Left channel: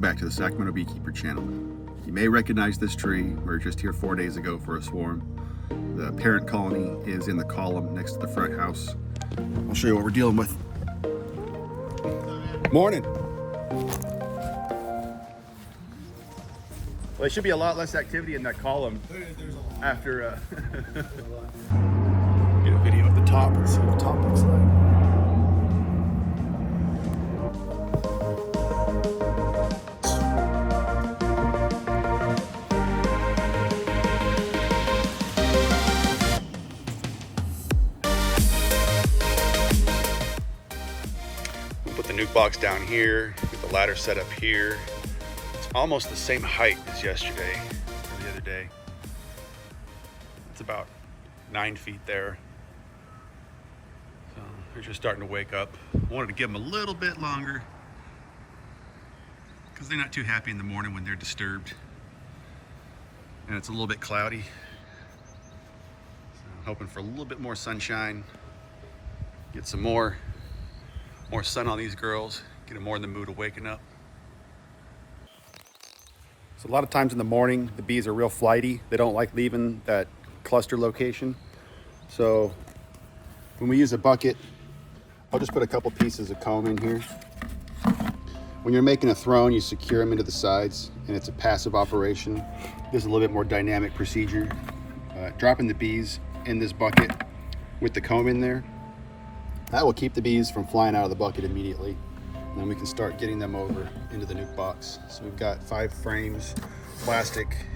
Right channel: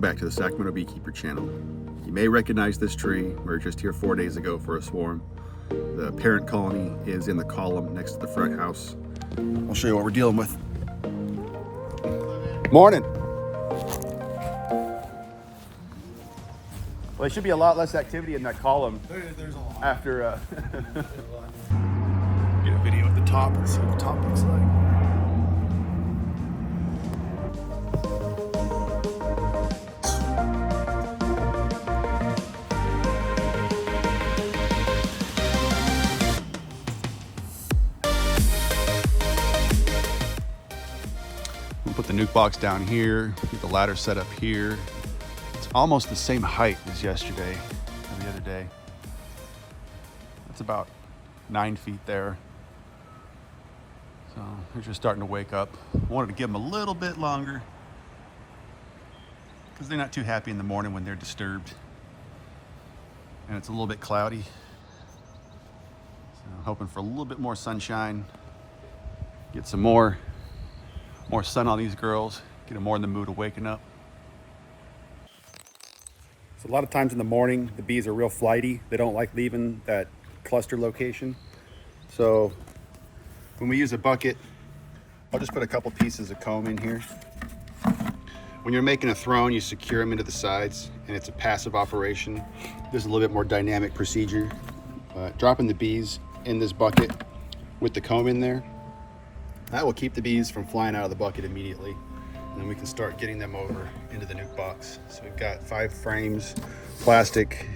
Welcome back to the Sacramento Beekeeper channel. You may recognize this tree. We were just here 4 days ago for a swarm. The parent colony is in the column next to the front house. I'll show you what we're dealing with. Morning. Well, there should be a lot less activity in that column. There's a lot. After get a video of the top and see what the top looks like. Put the nuke box down here, get the ladder set up here. It's almost the same height as yesterday or the other day. It's about 9 feet there. So they're just starting to wake up. I wanted to give them a little bit longer because they're not too happy in the morning when they're disturbed. And it's a little bit cloudy. So I'm hoping for a little bit more sunshine. Get some more sun on these girls, get them more in the mood of waking up. So a lot of times in the morning, the bees are real flighty. They don't like leaving that cluster location. So when we use a bucket, I'll just put a couple pieces of comb in here. When you're making a throne, you secure them into the sides, and it's a passive operation. There's a little bit more dynamic procedure. Dropping the bees in this bucket with the comb in there, that will keep the bees from flying out of the bucket immediately. And then we can start getting them over into the nuke box. So we've got 5 frames, plastic,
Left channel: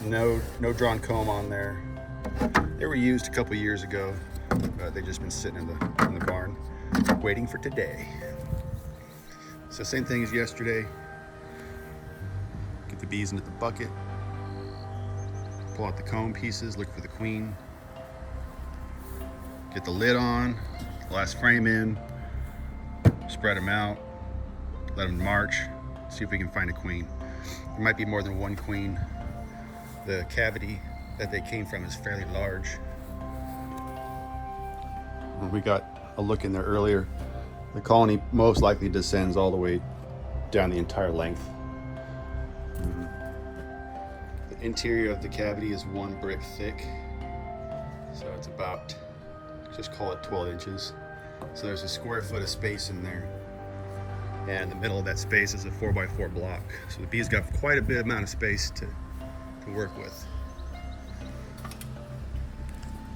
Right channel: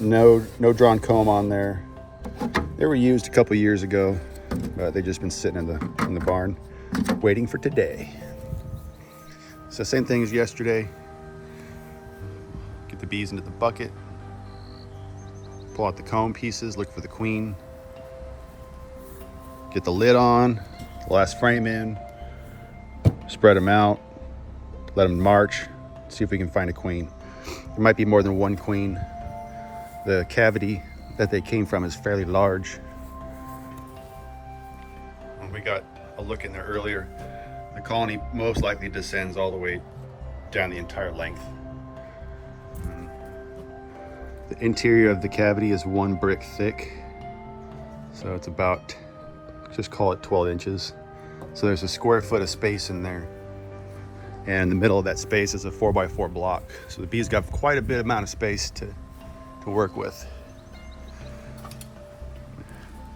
no drawn comb on there. They were used a couple years ago. They've just been sitting in the barn waiting for today. So same thing as yesterday. Get the bees into the bucket, pull out the comb pieces, look for the queen. Get the lid on, the last frame in, spread them out, let them march, see if we can find a queen. There might be more than one queen. The cavity that they came from is fairly large. When we got a look in there earlier, the colony most likely descends all the way down the entire length. The interior of the cavity is 1 brick thick, so it's about, just call it 12 inches. So there's a square foot of space in there. And in the middle of that space is a 4x4 block. So the bees got quite a bit amount of space to work with.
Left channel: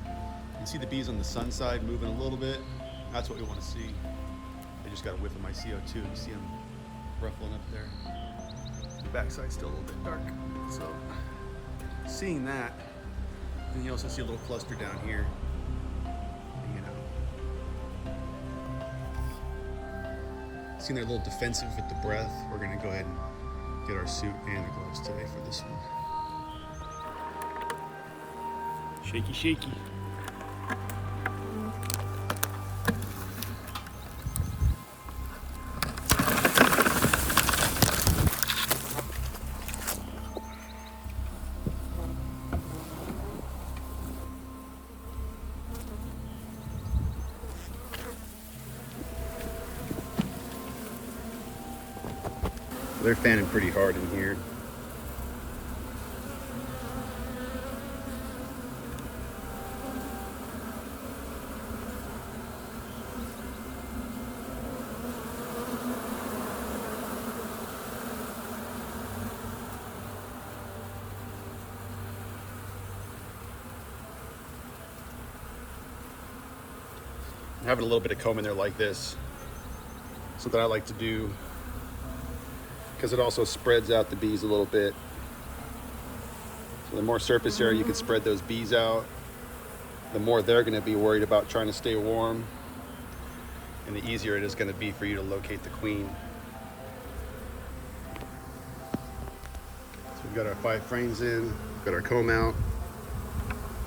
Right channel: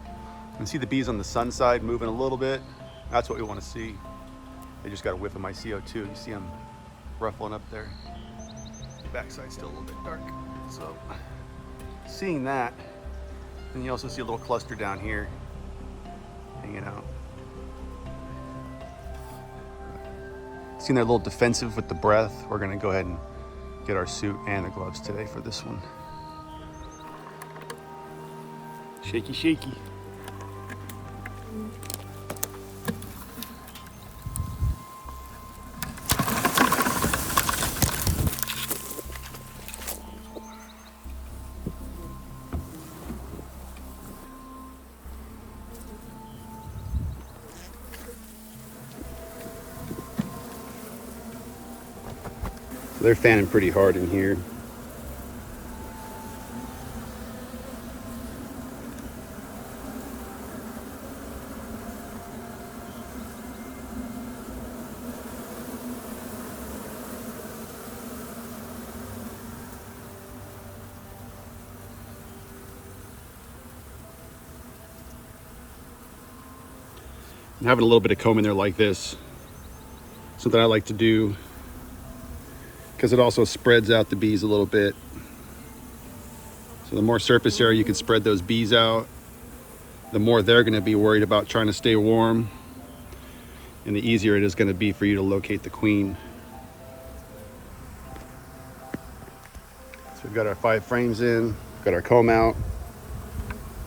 You can see the bees on the sun side moving a little bit. That's what we want to see. They just got a whiff of my CO2. You see them ruffling up there. The backside's still a little bit dark. So seeing that, and you also see a little cluster down here. You know, seeing they're a little defensive with the breath, we're going to go ahead and get our suit and the gloves today for this one. Shaky, shaky. They're fanning pretty hard in here. Having a little bit of comb in there like this, something I like to do, because it also spreads out the bees a little bit. So the more surface area you can spread those bees out, the more they're going to be worried about trying to stay warm, and the easier it is going to be for you to locate the queen. So we've got our 5 frames in, we've got our comb out,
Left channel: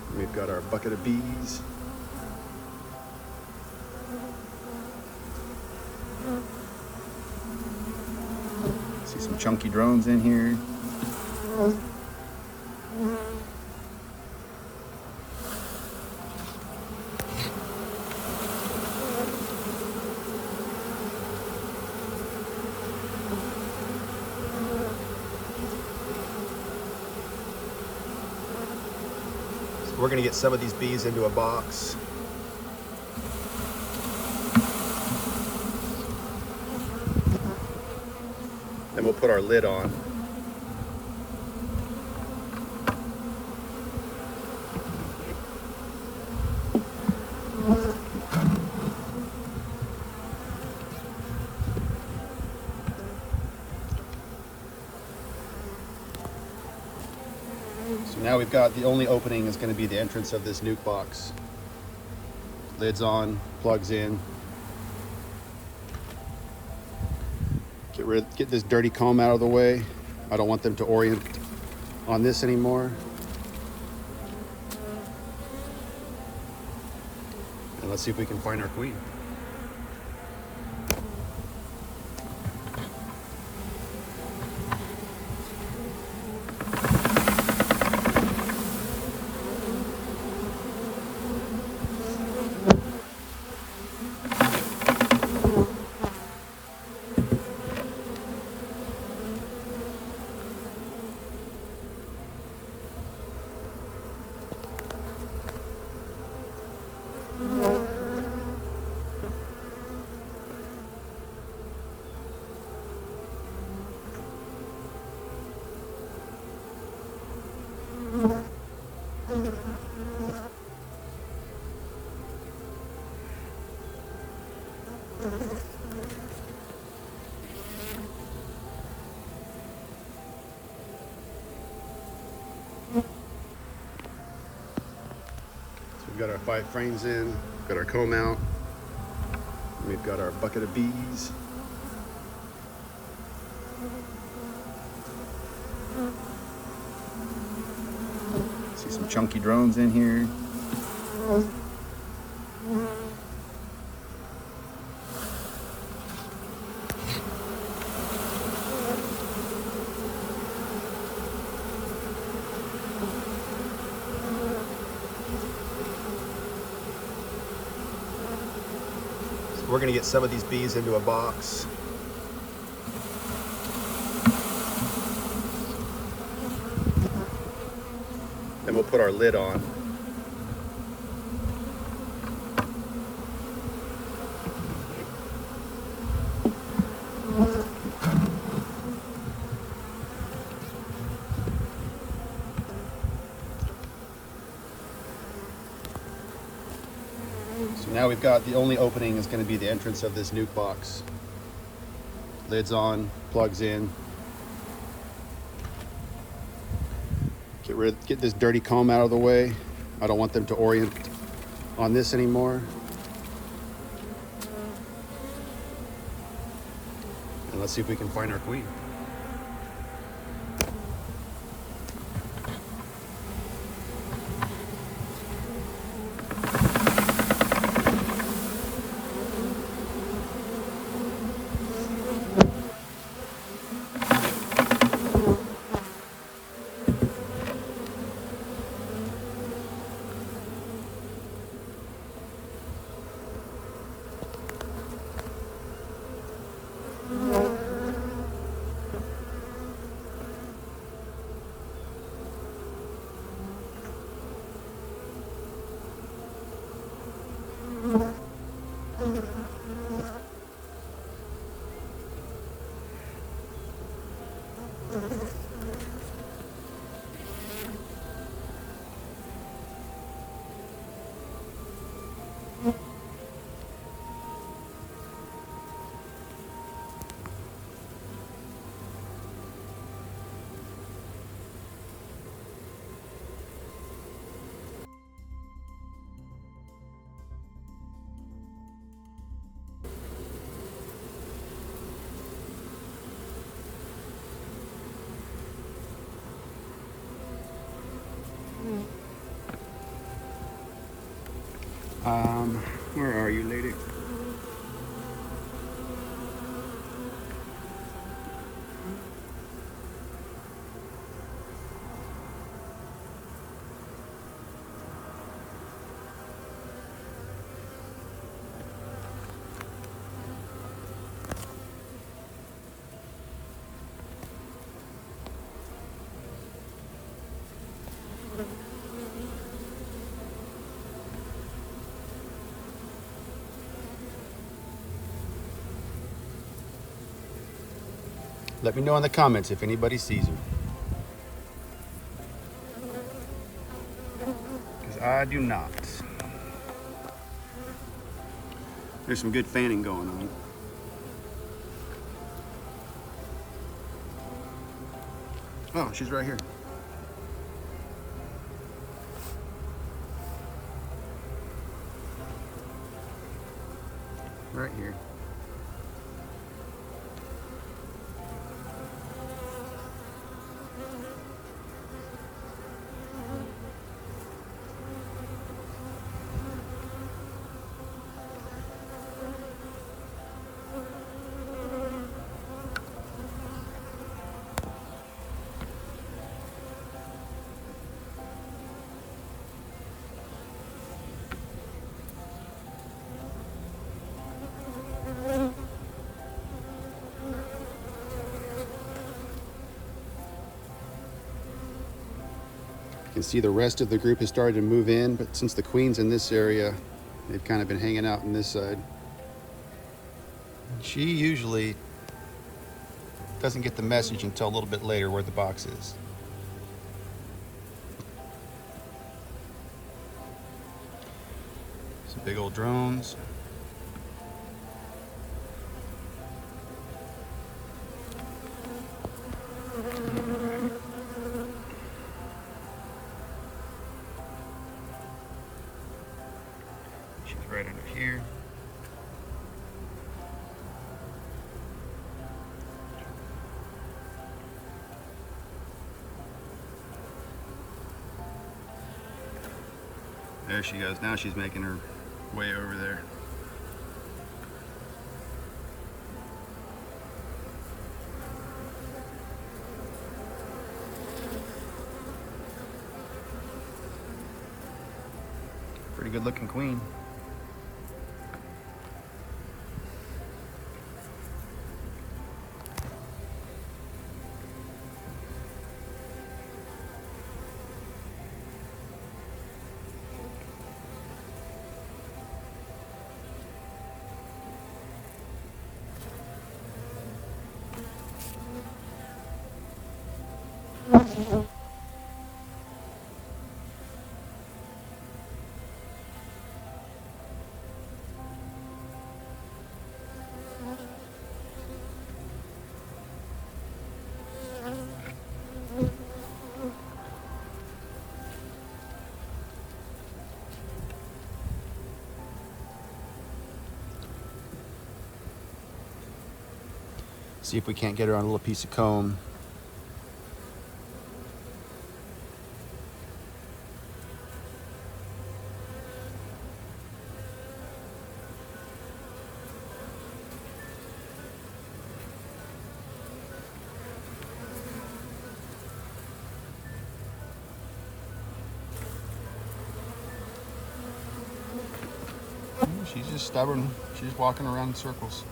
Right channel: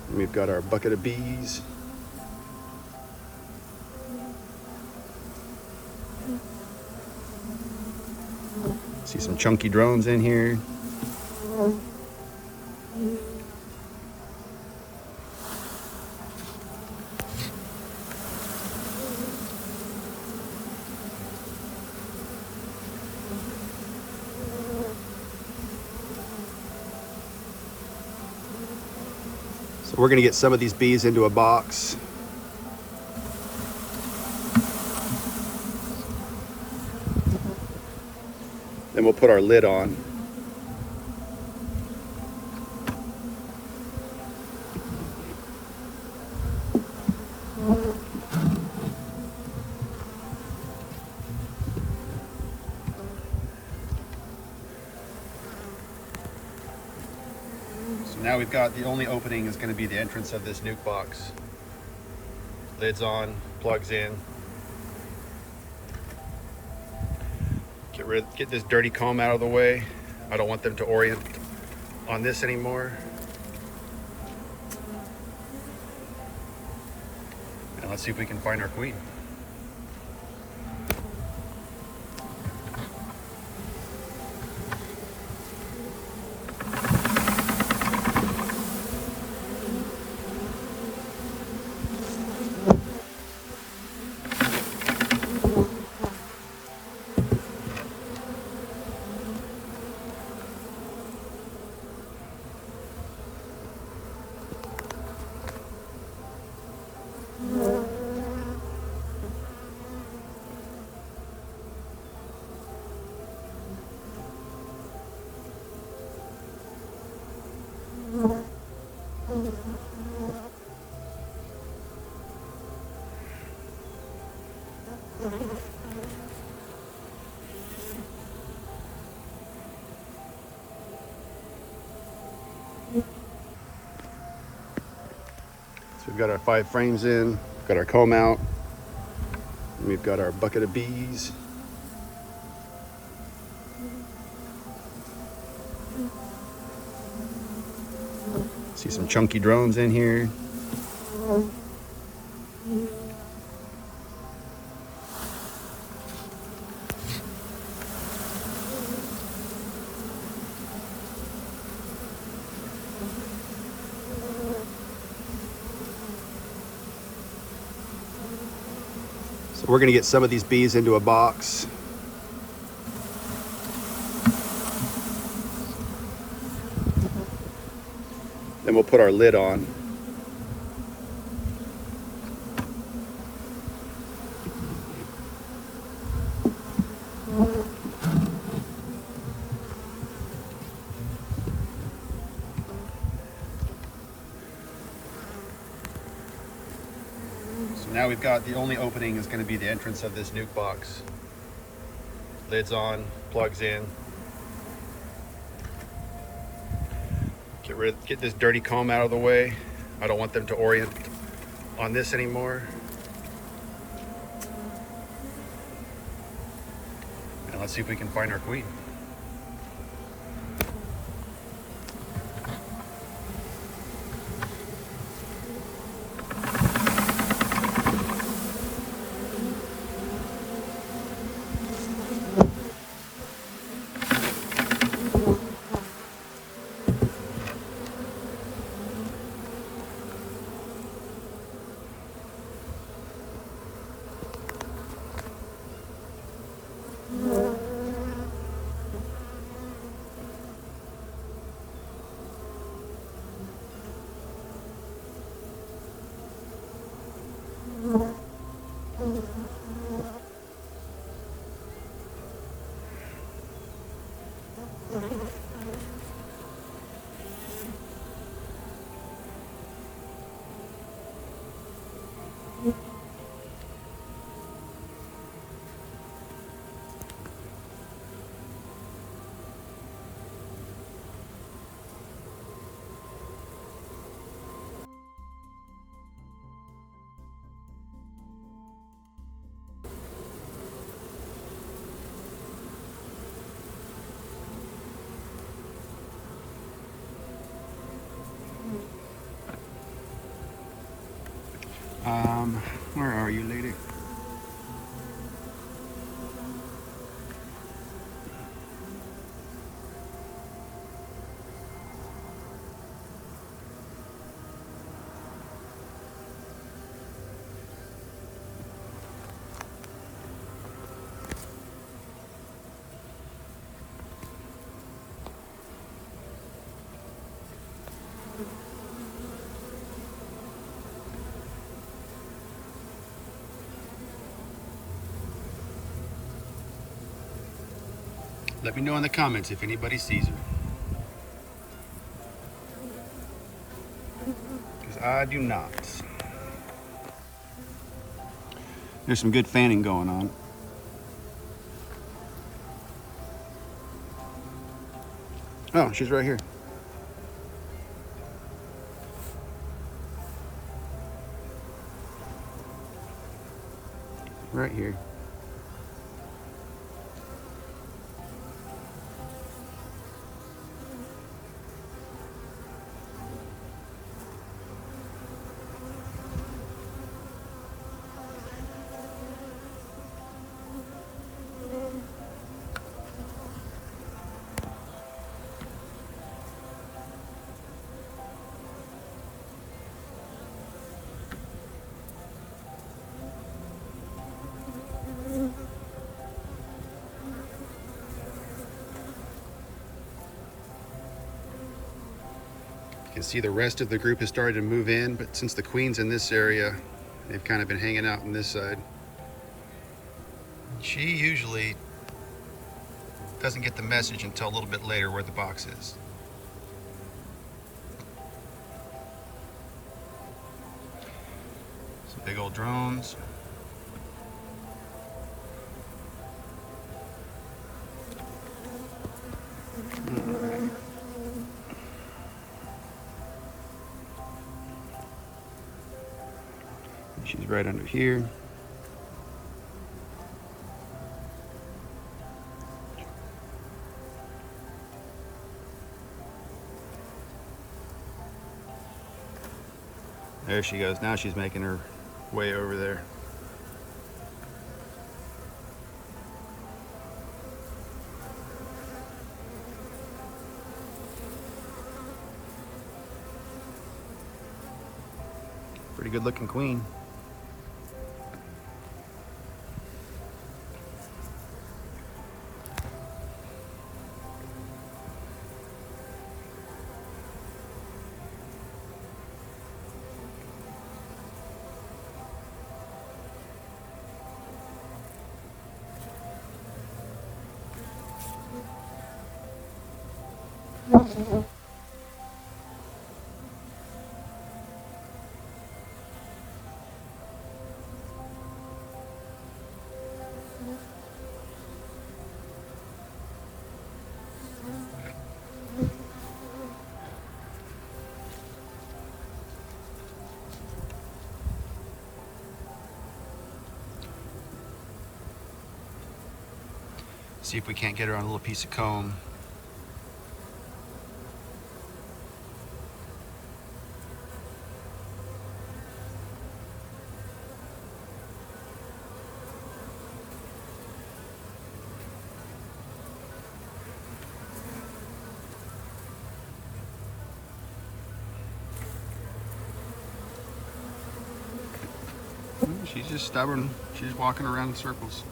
and we've got our bucket of bees. See some chunky drones in here. we're going to get some of these bees into a box. Then we'll put our lid on. So now we've got the only opening is going to be the entrance of this nuke box. Lid's on, plugs in. Get this dirty comb out of the way. I don't want them to orient on this anymore. And let's see if we can find our queen. So we've got our 5 frames in, we've got our comb out, and we've got our bucket of bees. See some chunky drones in here. So we're going to get some of these bees into a box. Then we'll put our lid on. So now we've got the only opening is going to be the entrance of this nuke box. Lid's on, plugs in. Get this dirty comb out of the way. I don't want them to orient on this anymore. And let's see if we can find our queen. Where are you, lady? Let me know in the comments if anybody sees her. Because I do not. There's some good fanning going on. Oh, she's right here. Right here. You can see the rest of the group has started to move in, but since the queen's in this area, they've kind of been hanging out on this side. She usually doesn't get the message until a little bit later where the box is. Some big old drones. She's right under here. There she goes. Now she's making her way over there. Pretty good looking queen. See if we can't get her on a little piece of comb. She's just stubborn. She's walking around in circles.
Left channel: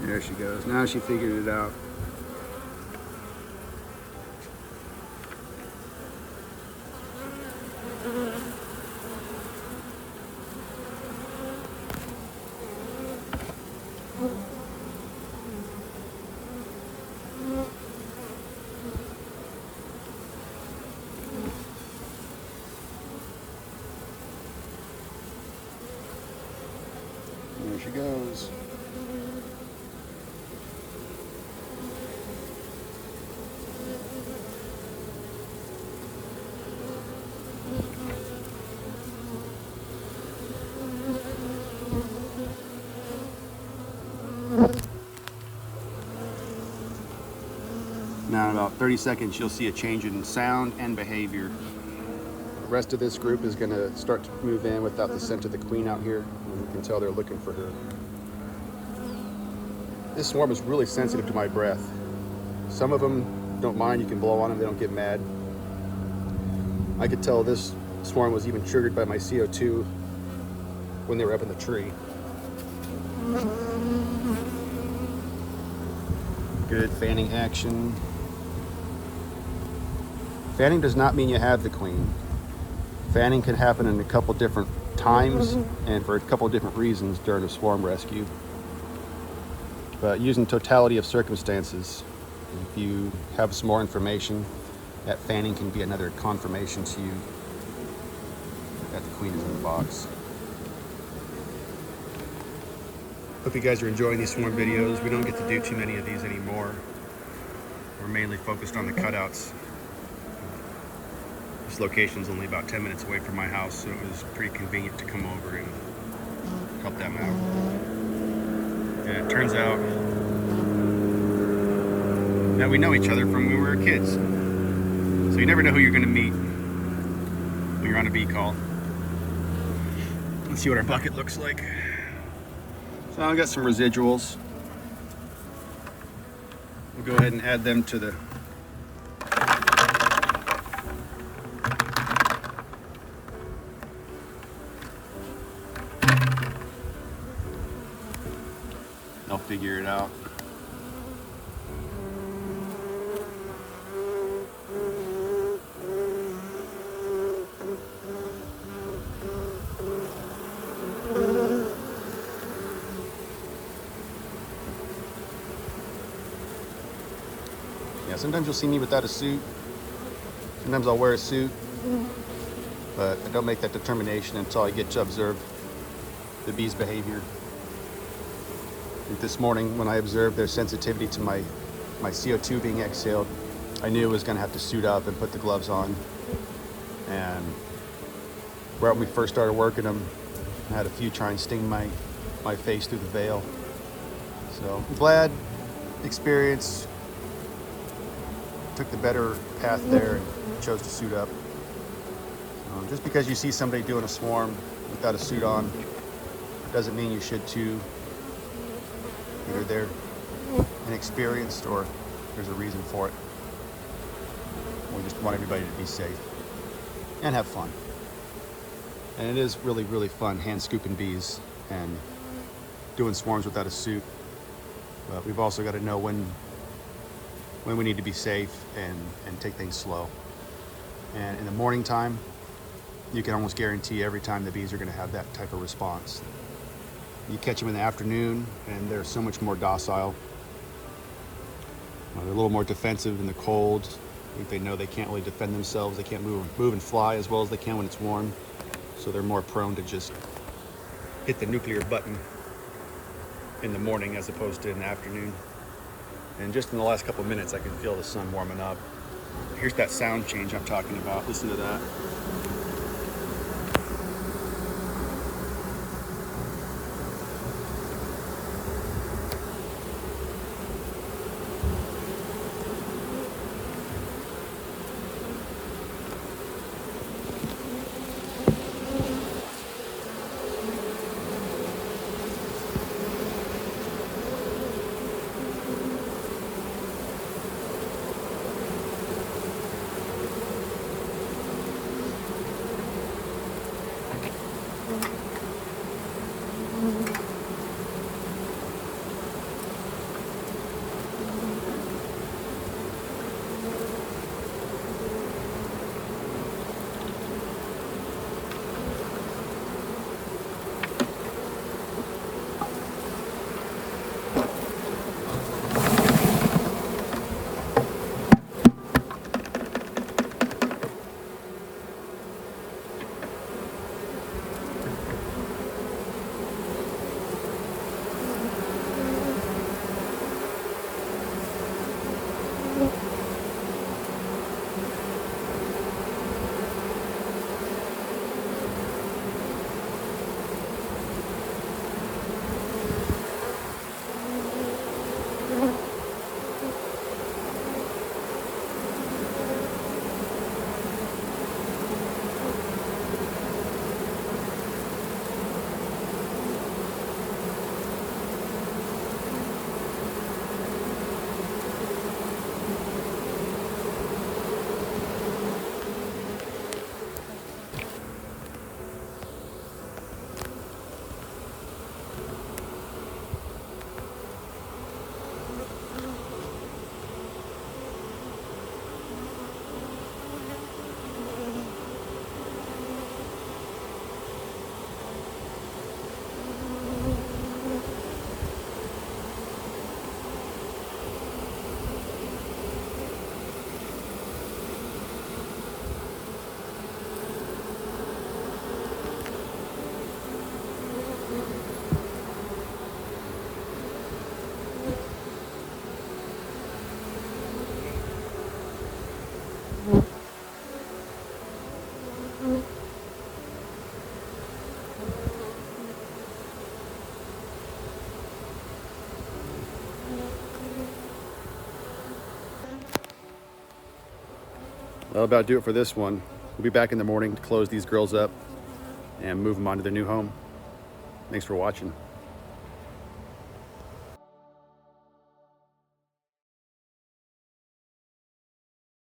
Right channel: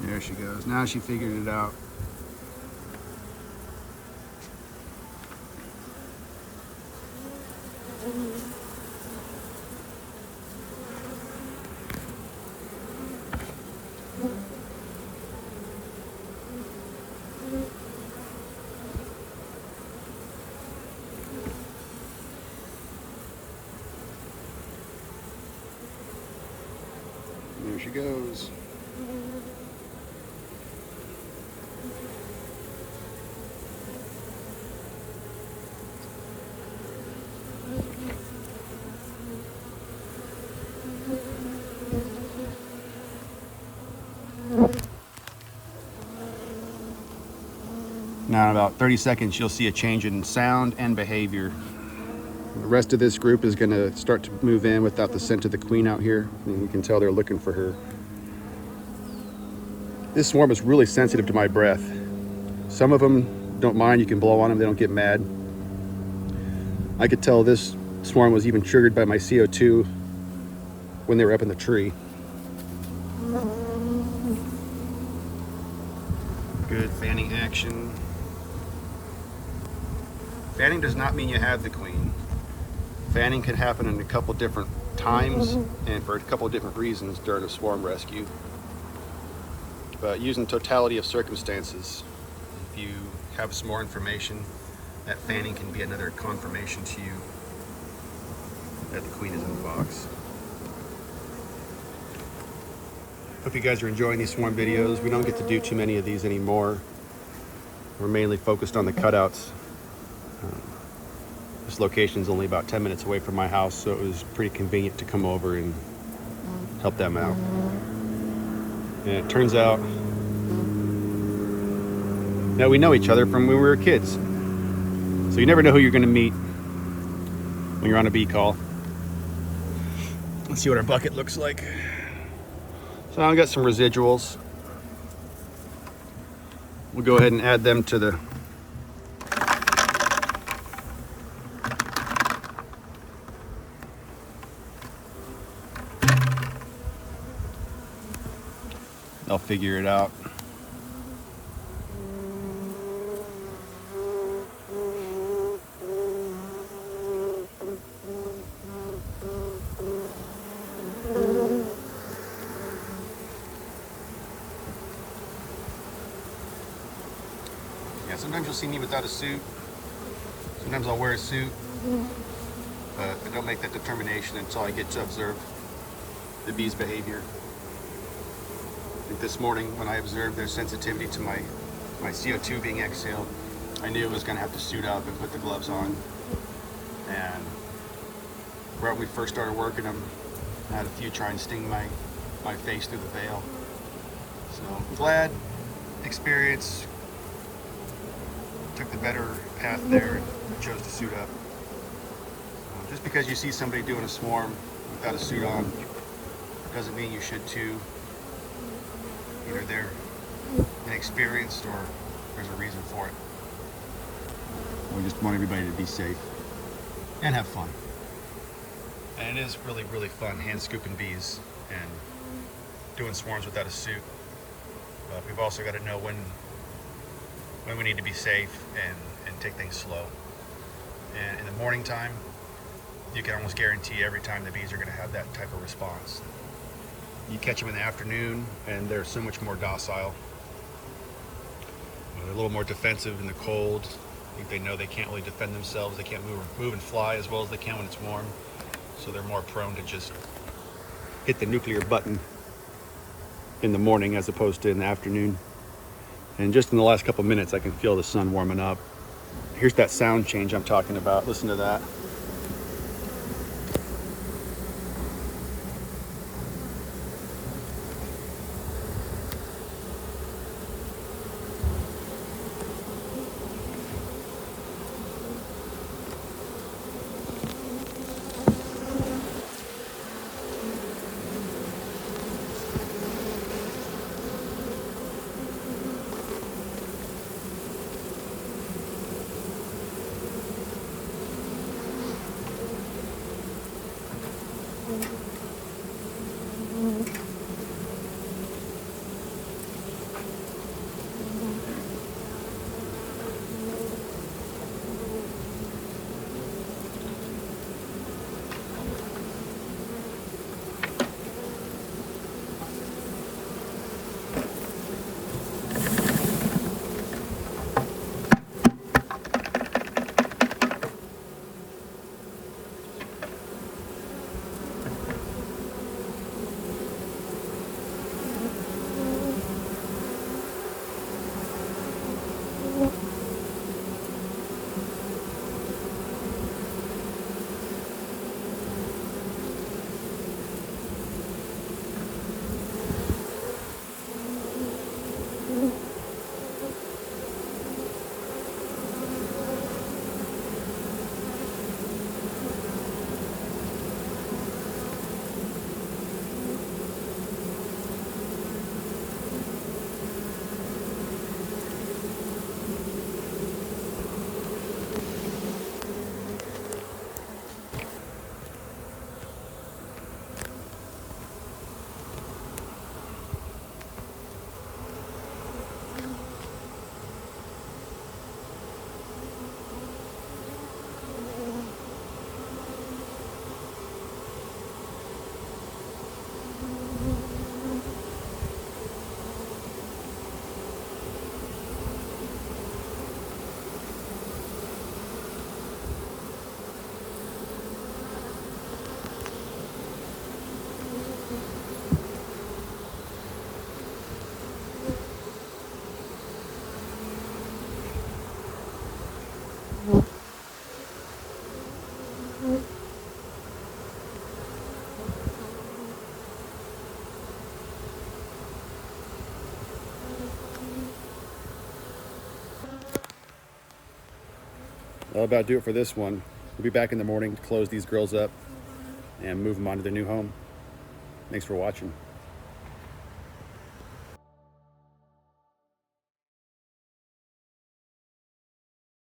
There she goes. Now she figured it out. There she goes. Now in about 30 seconds, you'll see a change in sound and behavior. The rest of this group is going to start to move in without the scent of the queen out here. And we can tell they're looking for her. This swarm is really sensitive to my breath. Some of them don't mind. You can blow on them, they don't get mad. I could tell this swarm was even triggered by my CO2 when they were up in the tree. Good fanning action. Fanning does not mean you have the queen. Fanning can happen in a couple different times and for a couple different reasons during a swarm rescue. But using totality of circumstances, if you have some more information, that fanning can be another confirmation to you that the queen is in the box. Hope you guys are enjoying these swarm videos. We don't get to do too many of these anymore. We're mainly focused on the cutouts. This location is only about 10 minutes away from my house, so it was pretty convenient to come over and help them out. And it turns out that we know each other from when we were kids. So you never know who you're going to meet when you're on a bee call. Let's see what our bucket looks like. So I've got some residuals. We'll go ahead and add them to the They'll figure it out. Yeah, sometimes you'll see me without a suit. Sometimes I'll wear a suit, but I don't make that determination until I get to observe the bee's behavior. I think this morning when I observed their sensitivity to my CO2 being exhaled, I knew I was going to have to suit up and put the gloves on. And right when we first started working them, I had a few try and sting my face through the veil. So I'm glad, experience, took the better path there and chose to suit up. Just because you see somebody doing a swarm without a suit on doesn't mean you should too. Either they're inexperienced or there's a reason for it. We just want everybody to be safe and have fun. And it is really, really fun hand scooping bees and doing swarms without a suit. But we've also got to know when we need to be safe and take things slow. And in the morning time, you can almost guarantee every time the bees are going to have that type of response. You catch them in the afternoon and they're so much more docile. They're a little more defensive in the cold. I think they know they can't really defend themselves. They can't move and fly as well as they can when it's warm. So they're more prone to just hit the nuclear button in the morning as opposed to in the afternoon. And just in the last couple minutes, I can feel the sun warming up. Here's that sound change I'm talking about. Listen to that. That'll about do it for this one. We'll be back in the morning to close these girls up and move them on to their new home. Thanks for watching.